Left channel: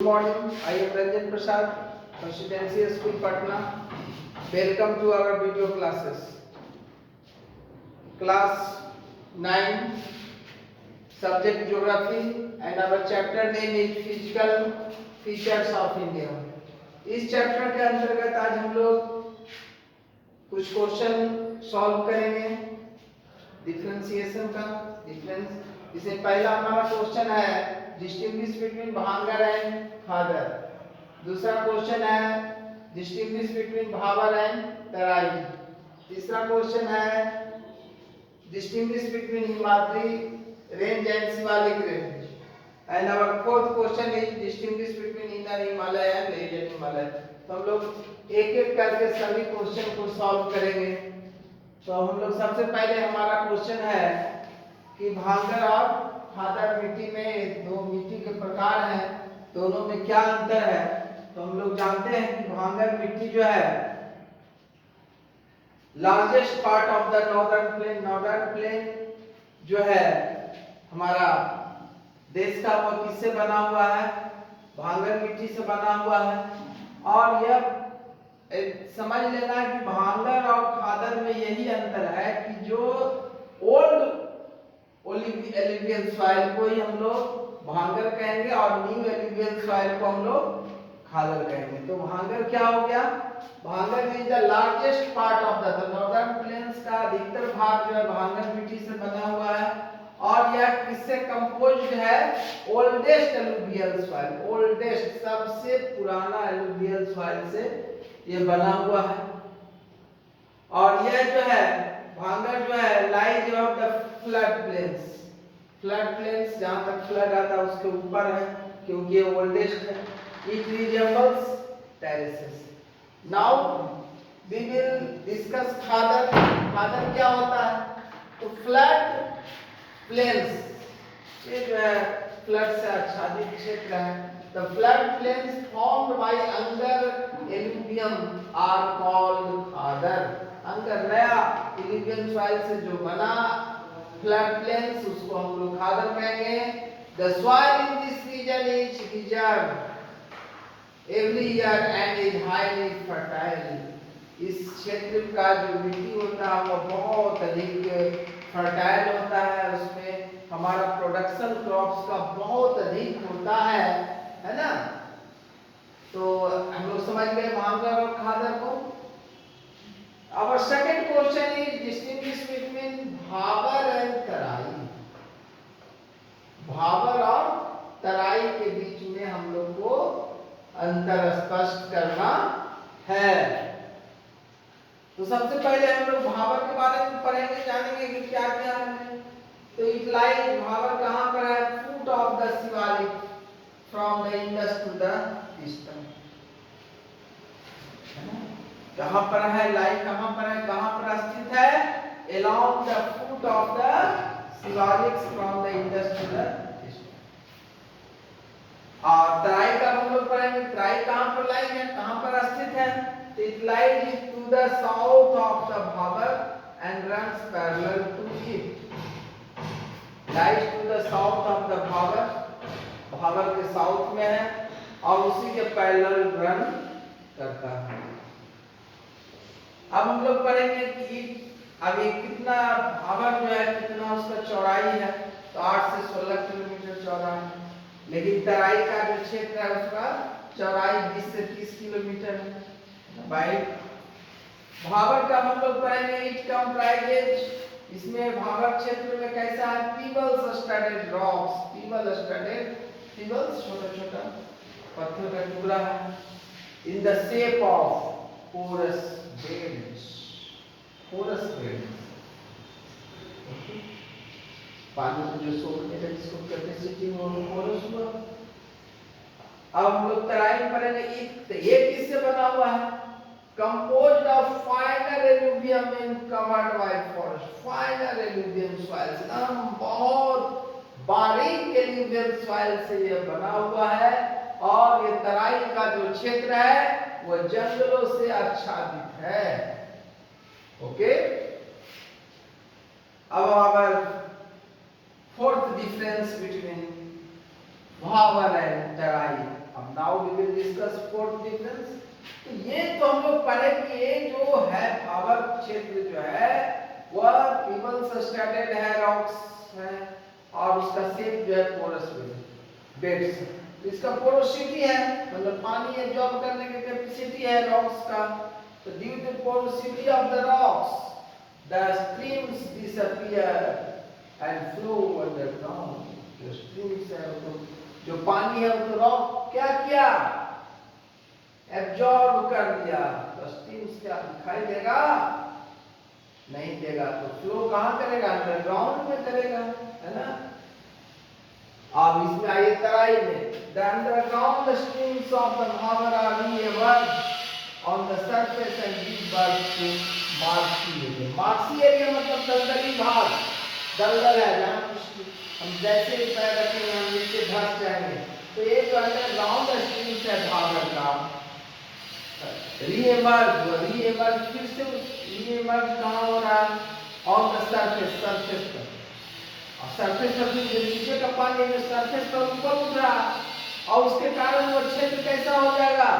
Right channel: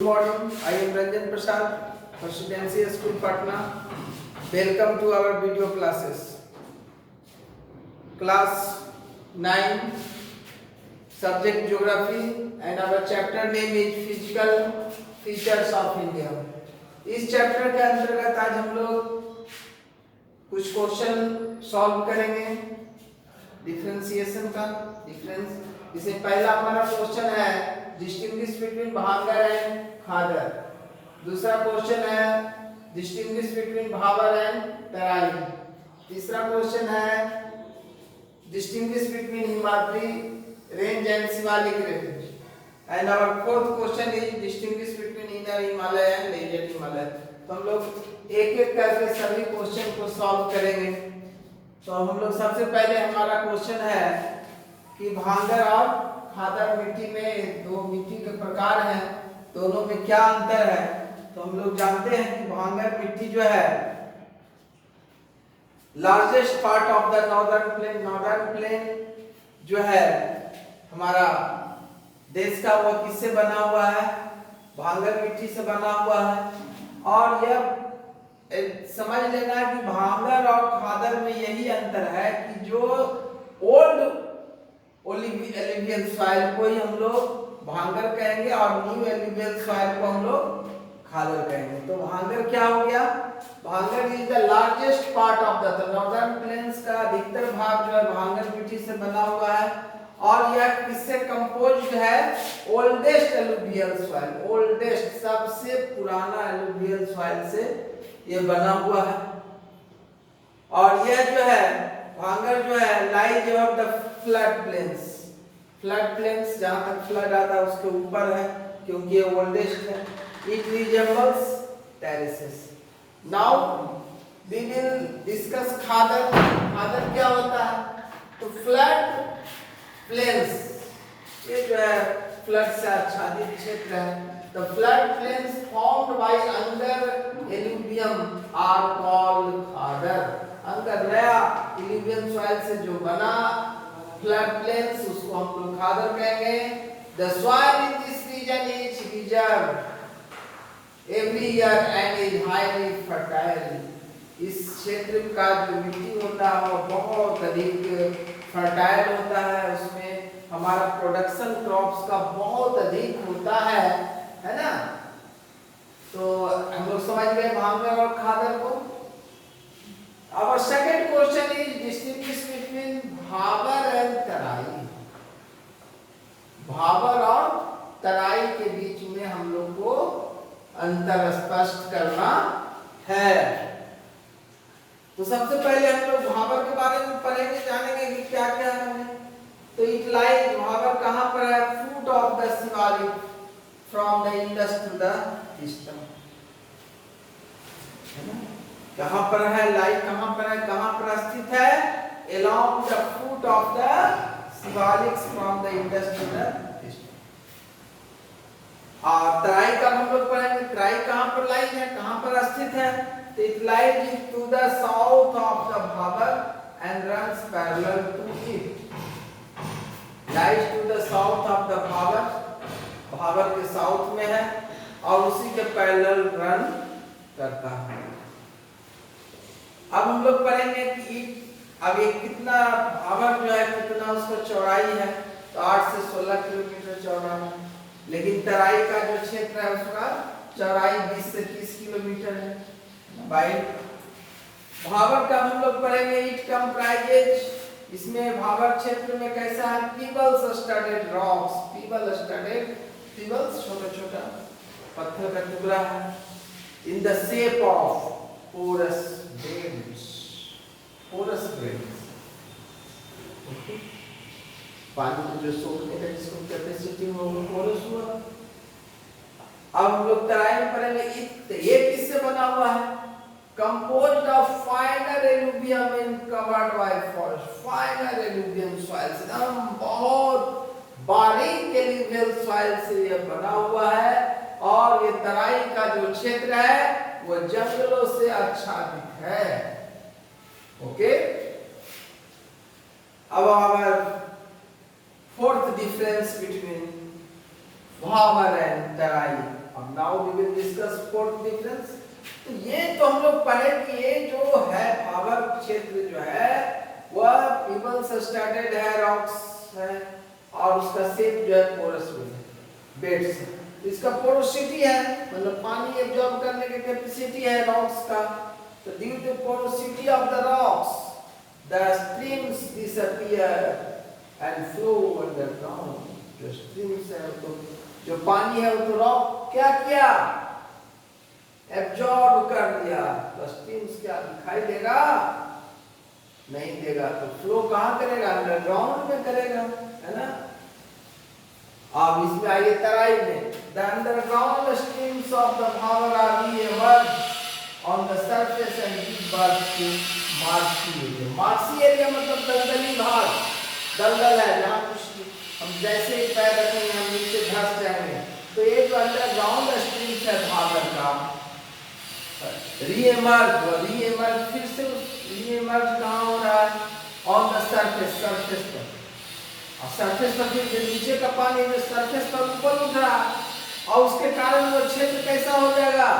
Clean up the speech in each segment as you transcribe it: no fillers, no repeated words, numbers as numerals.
Good morning. I am Ranjan Prasad, Residential School Patna. Welcome to our video classes. Class 9, subject Geography, and our chapter name is Physical Features of India. इस chapter के अंतर्गत आज हम लोग कुछ question solve करेंगे differentiation का difference. इससे पहला हमारा क्वेश्चन है distinguish between bhangar and khadar. दूसरा क्वेश्चन है distinguish between bhabar and terai. तीसरा क्वेश्चन है distinguish between Himadri range and Shivalik range. And our fourth question is distinguish between inner Himalaya and lesser Himalaya. तो हम लोग एक एक करके सभी क्वेश्चन को सॉल्व करेंगे। तो हम लोग सबसे पहले हमारा क्वेश्चन है कि भांगर और खादर मिट्टी में दो मिट्टी के प्रकार हैं, दोनों में क्या अंतर है। तो हम लोग जानते हैं कि भांगर मिट्टी जो है largest part of the northern plain जो है हमारा देश का, वो किससे बना हुआ है? भांगर मिट्टी से बना हुआ है। और यह समझ लेना कि भांगर और खादर में यही अंतर है कि जो ओल्ड एलुवियल सॉइल को ही हम लोग भांगर कहेंगे और न्यू एलुवियल सॉइल को हम लोग खादर कहेंगे। तो भांगर क्या हो गया? भांगर is the largest part of the northern plains का अधिकतर भाग जो है भांगर मिट्टी से बना हुआ है। और यह किससे कंपोज्ड है? ओल्डेस्ट एलुवियल सॉइल, ओल्डेस्ट सबसे पुराना एलुवियल सॉइल से ये बना हुआ है। और यह जो है भांगर जो है lies above the flood plains जहां तक फ्लड आता है उसके ऊपर है, क्योंकि ये ओल्डेस्ट है। It resembles terraces. Now we will discuss khadar. Khadar क्या होता है? तो फ्लड प्लेन्स, ये जो है फ्लड से आच्छादित क्षेत्र है। The flood plains formed by under alluvium are called खादर। अंदर नया alluvium soil से जो बना flood plains उसको हम लोग खादर कहेंगे। The soil in this region is reserved every year and is highly fertile। इस क्षेत्र का जो मिट्टी होता है वो बहुत अधिक फर्टाइल होता है, उसमें हमारा प्रोडक्शन क्रॉप्स का बहुत अधिक होता है ना। तो हम लोग समझ गए भांगर और खादर को। Our second question is distinguish between bhabar and terai. Bhabar और तराई के बीच में हम लोग को अंतर स्पष्ट करना है। तो सबसे पहले हम लोग भाबर के बारे में पढ़ेंगे, जानेंगे कि क्या क्या है। तो इट लाइज, भाबर कहाँ पर है? Foot of the Shivalik from the Indus to the eastern. कहाँ पर है? लाई कहाँ पर है? कहाँ पर स्थित है? along the foot of the Shivalik from the Indus to the eastern. और तराई का हम लोग पढ़ेंगे, तराई कहाँ पर लाई है, कहाँ पर स्थित है? It lies to the south of the Bhabar and runs parallel to it। Lies to the south of the Bhabar, Bhabar के साउथ में है और उसी के पैरेलल रन करता है। अब हम लोग पढ़ेंगे कि अब ये कितना भाबर जो है कितना उसका चौड़ाई है। तो 8 से 16 किलोमीटर चौड़ा है, लेकिन तराई का जो क्षेत्र है उसका चौड़ाई 20 से 30 किलोमीटर है। भाई भाबर का हम लोग पढ़ेंगे इट कंप्राइजेज, इसमें भाबर क्षेत्र में कैसा है? पीबल्स स्टडेड रॉक्स, पीबल्स छोटा छोटा पत्थर का टुकड़ा है in the shape of porous grains. पानी को जो सोखने का जिसको कैपेसिटी हो वो पोरस हुआ। अब हम लोग तराई में पढ़ेंगे ये किससे बना हुआ है? Composed of finer alluvium and covered by forest। Finer alluvium soil, एकदम बहुत बारीक alluvial soil से ये बना हुआ है। और ये तराई का जो क्षेत्र है वो जंगलों से आच्छादित है। ओके, अब our fourth difference between bhabar and terai. अब now we will discuss fourth difference. तो ये तो हम लोग पढ़े कि ये जो है भावर क्षेत्र जो है वह पीबल्स स्टार्टेड है, रॉक्स है, और उसका शेप जो है पोरस बेड से। तो इसका पोरोसिटी है, मतलब पानी एब्जॉर्ब करने की कैपेसिटी है रॉक्स का। तो due to porosity of the rocks the streams disappear and flow underground. जो स्ट्रीम्स है तो जो पानी है वो तो रॉक क्या किया, एब्जॉर्ब कर दिया। तो स्ट्रीम्स क्या दिखाई देगा, नहीं देगा। तो फ्लो कहाँ करेगा, अंडरग्राउंड में करेगा, है ना। अब इसमें आइए तराई में, the underground streams of the bhabar are reemerge on the surface and give birth to marshy area. Marshy area मतलब दलदली भाग, दलदल है जहाँ कुछ हम जैसे ही पैर रखेंगे हम नीचे धंस जाएंगे। तो ये जो अंडरग्राउंड स्ट्रीम्स है भागर का रीएमर्ज फिर से रीएमर्ज कहाँ हो रहा है, ऑन द सरफेस पर। और सरफेस पर जो नीचे का पानी है सरफेस पर ऊपर उठ रहा और उसके कारण वो क्षेत्र कैसा हो जाएगा,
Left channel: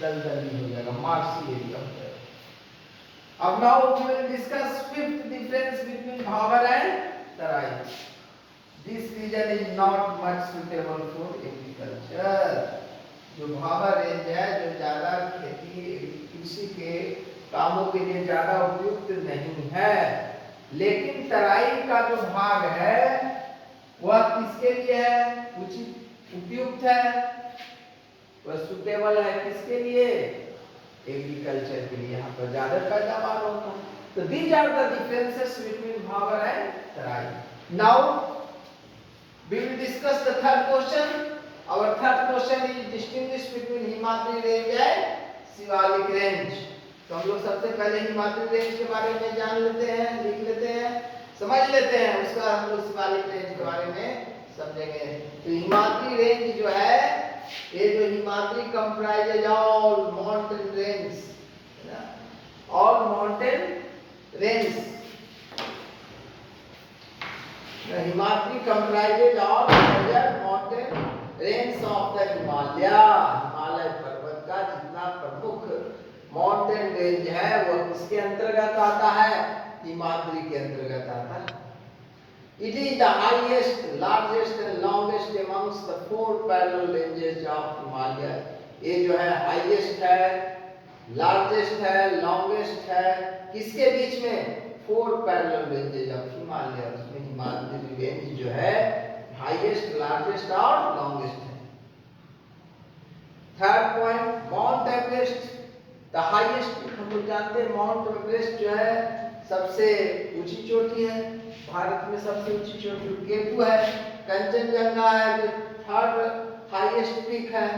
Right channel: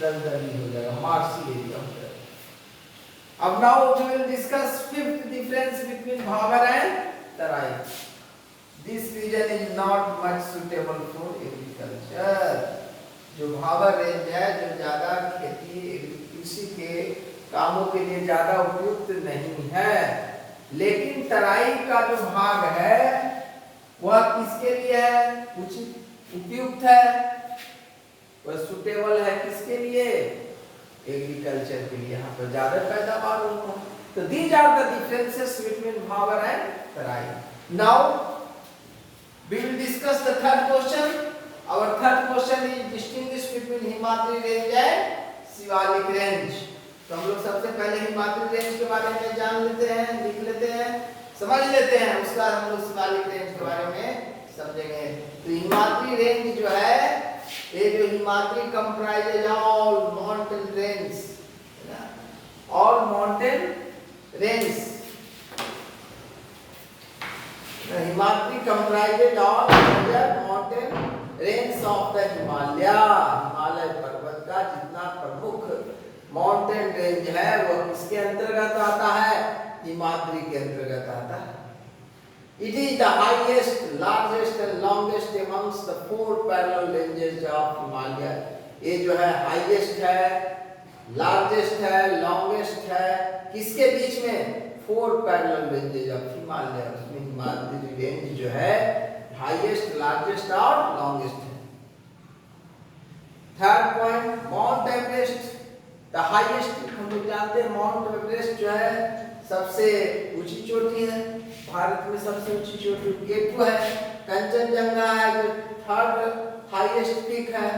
दलदली हो जाएगा, मार्शी एरिया हो जाएगा। अब now we will discuss fifth difference between bhabar and terai. This region is not much suitable for agriculture. जो भावर रेंज है जो ज्यादा खेती कृषि के कामों के लिए ज्यादा उपयुक्त नहीं है, लेकिन तराई का जो भाग है वह किसके लिए है, उचित उपयुक्त है, वह सुटेबल है किसके लिए, एग्रीकल्चर के लिए। यहाँ पर ज्यादा पैदावार होता है। तो these are the differences between bhabar and terai. Now we will discuss the third question. Our third question is distinguish between Himadri range and Shivalik range. तो हम लोग सबसे पहले हिमाद्री रेंज के बारे में जान लेते हैं, लिख लेते हैं, समझ लेते हैं, उसके बाद हम लोग शिवालिक रेंज के बारे में समझेंगे। तो हिमाद्री रेंज जो है, ये जो Himadri comprises all mountain range, all mountain range. Himadri comprises all mountain range of the Himalaya. Himalaya पर्वत का जितना प्रमुख माउंटेन रेंज है वो किसके अंतर्गत आता है, हिमाद्री के अंतर्गत आता है। It is the highest, largest and longest amongst the four parallel ranges of Himalaya. ये जो है हाईएस्ट है, लार्जेस्ट है, लॉन्गेस्ट है, किसके बीच में, four parallel ranges of Himalaya. उसमें हिमाद्री रेंज जो है हाईएस्ट, लार्जेस्ट और लॉन्गेस्ट है। Third point, mount Everest the highest. हम लोग जानते हैं माउंट एवरेस्ट जो है सबसे ऊंची चोटी है, भारत में सबसे ऊंची चोटी केटू है। कंचनजंगा है जो थर्ड हाईएस्ट पीक है,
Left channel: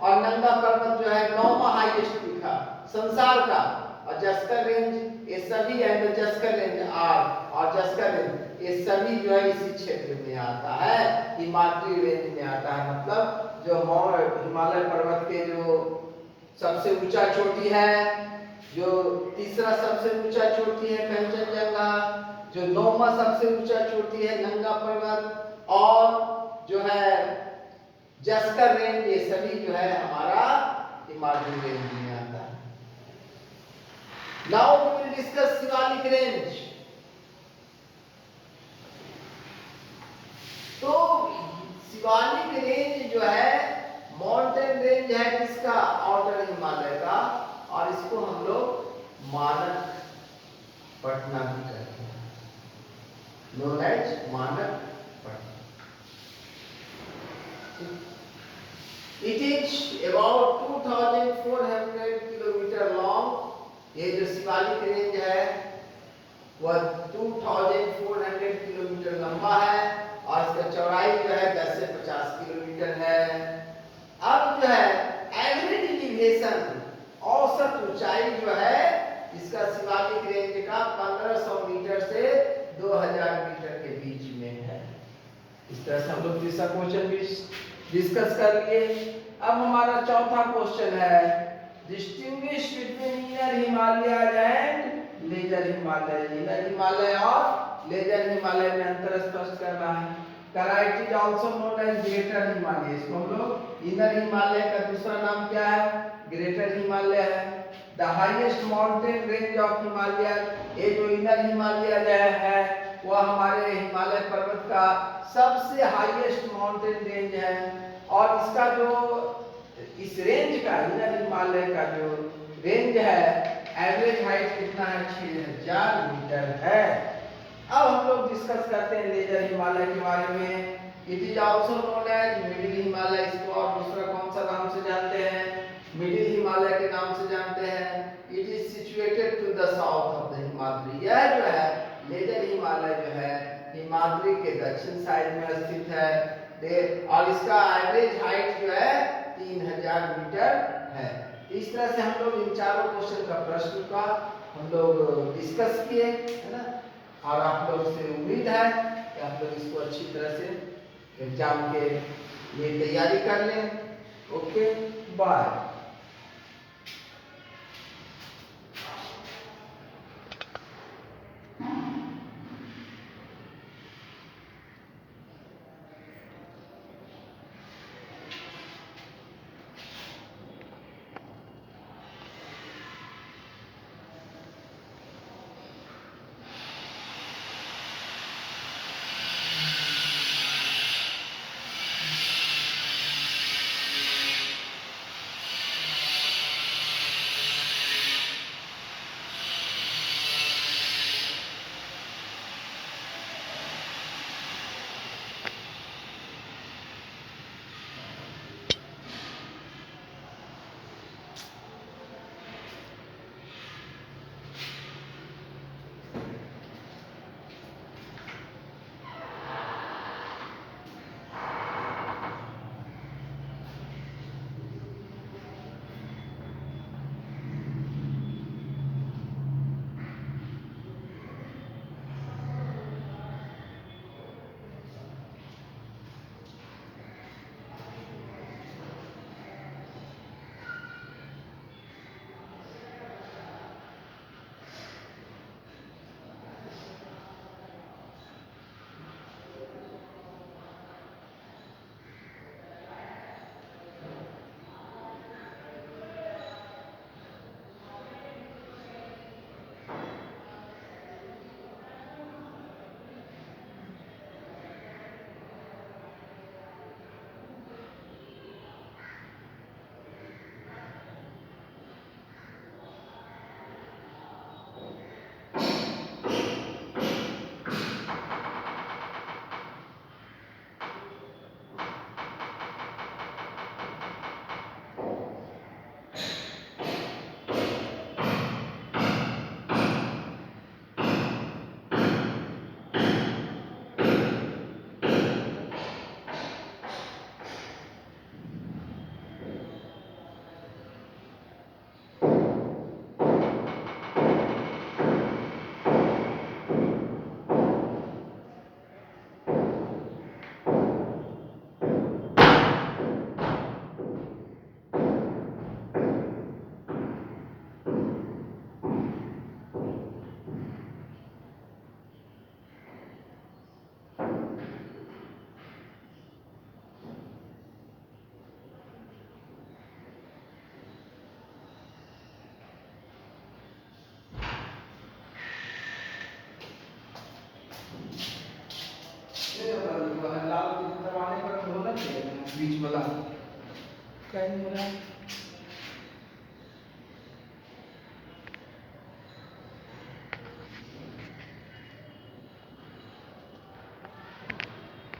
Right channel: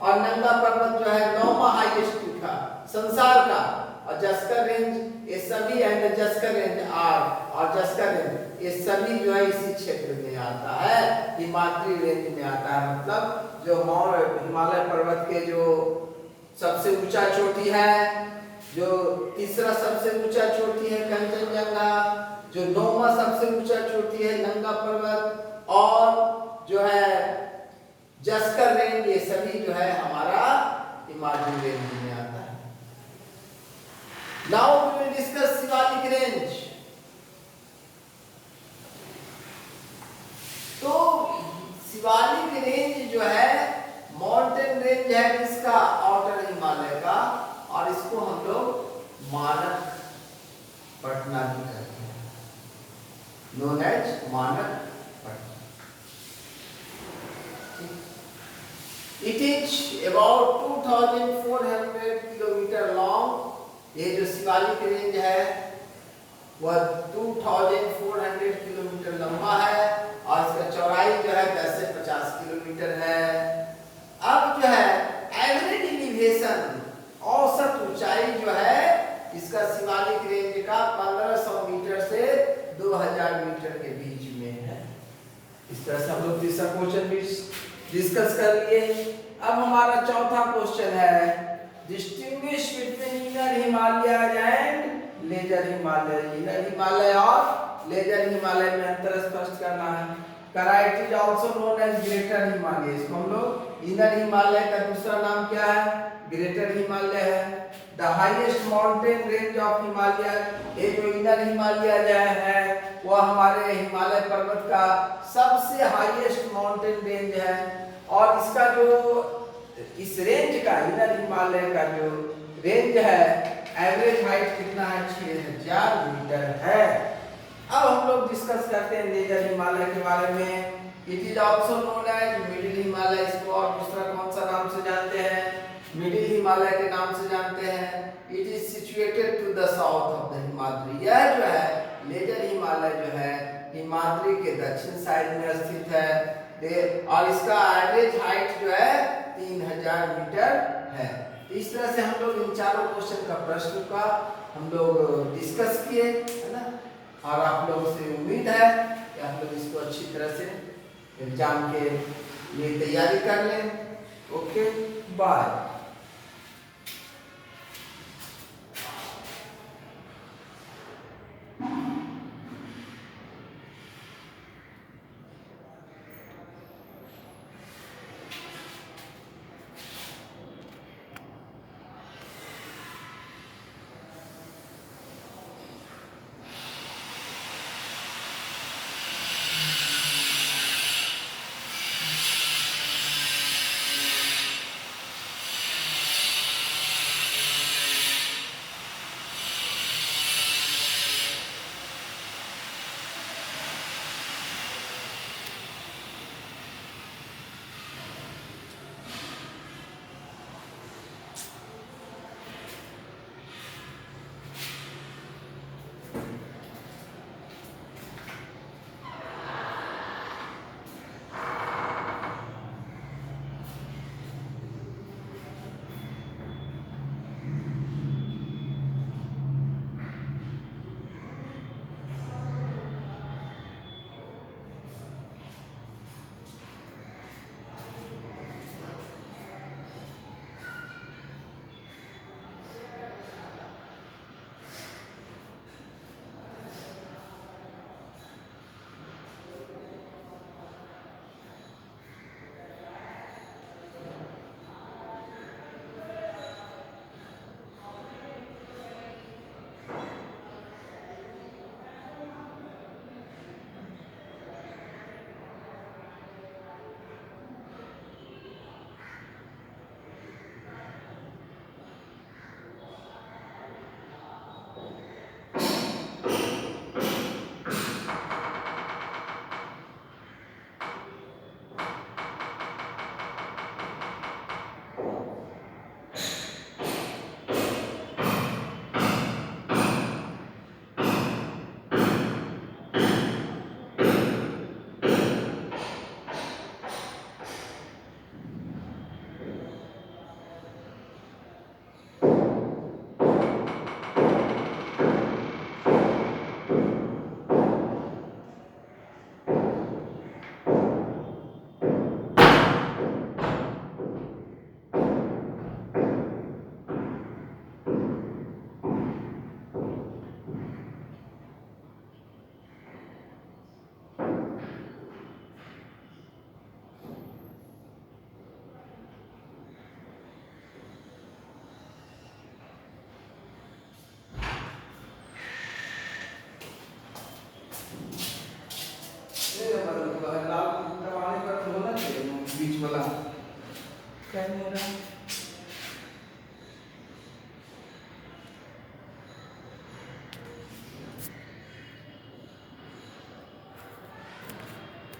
और नंगा पर्वत जो है 9वां हाईएस्ट पीक है संसार का। और जस्कर रेंज, ये सभी है, तो जस्कर रेंज और जस्कर रेंज ये सभी जो है इसी क्षेत्र में आता है, हिमाद्री रेंज में आता है। मतलब जो हिमालय पर्वत के जो सबसे ऊंचा चोटी है, जो तीसरा सबसे ऊंचा चोटी है कंचनजंगा, जो 9वां सबसे ऊंचा चोटी है नंगा पर्वत, और जो है जस्कर रेंज, ये सभी जो है हमारा हिमाद्री रेंज में आता है। Now we will discuss Shivalik range. तो शिवालिक रेंज जो है माउंटेन रेंज है किसका, आउटर हिमालय का, और इसको हम लोग मानक पटना भी कहते हैं, नोन एज मानक Patna. It is about 2400 kilometre long. ये जो शिवालिक रेंज है वह 2400 किलोमीटर लंबा है, और इसका चौड़ाई जो है 10 से 50 किलोमीटर है। अब जो है एवरेज एलिवेशन, औसत ऊंचाई जो है इसका शिवालिक रेंज का 1500 मीटर से 2000 मीटर के बीच में है। इस तरह से हम लोग तीसरा क्वेश्चन भी डिस्कस कर लिए। अब हमारा चौथा क्वेश्चन है, distinguish between inner Himalaya and lesser Himalaya. Inner Himalaya और लेजर हिमालय में अंतर स्पष्ट करना है। कराइट is also known as greater Himalaya, इसको हम लोग इनर हिमालय का दूसरा नाम क्या है? ग्रेटर हिमालय है। The highest mountain range of Himalaya, ये जो इनर हिमालय है वह हमारे हिमालय पर्वत का सबसे हाईएस्ट माउंटेन रेंज है। और इसका जो इस रेंज का, इनर हिमालय का जो रेंज है, एवरेज हाइट कितना है? 6000 मीटर है। अब हम लोग डिस्कस करते हैं लेजर हिमालय के बारे में। It is also known as middle Himalaya, इसको और दूसरा कौन सा नाम से जानते हैं? मिडिल हिमालय के नाम से जानते हैं। It is situated to the south of the Himadri. यह जो है लेजर हिमालय जो है हिमाद्री के दक्षिण साइड में स्थित है। और इसका एवरेज हाइट जो है 3000 मीटर है। इस तरह से हम लोग इन चारों क्वेश्चन का प्रश्न का हम लोग डिस्कस किए, है ना। और आप लोगों से उम्मीद है कि आप लोग इसको अच्छी तरह से एग्जाम के लिए तैयारी कर लें। Okay, bye. लाल दरवाजे पर होना चाहिए बीच वाला, क्या हो रहा है?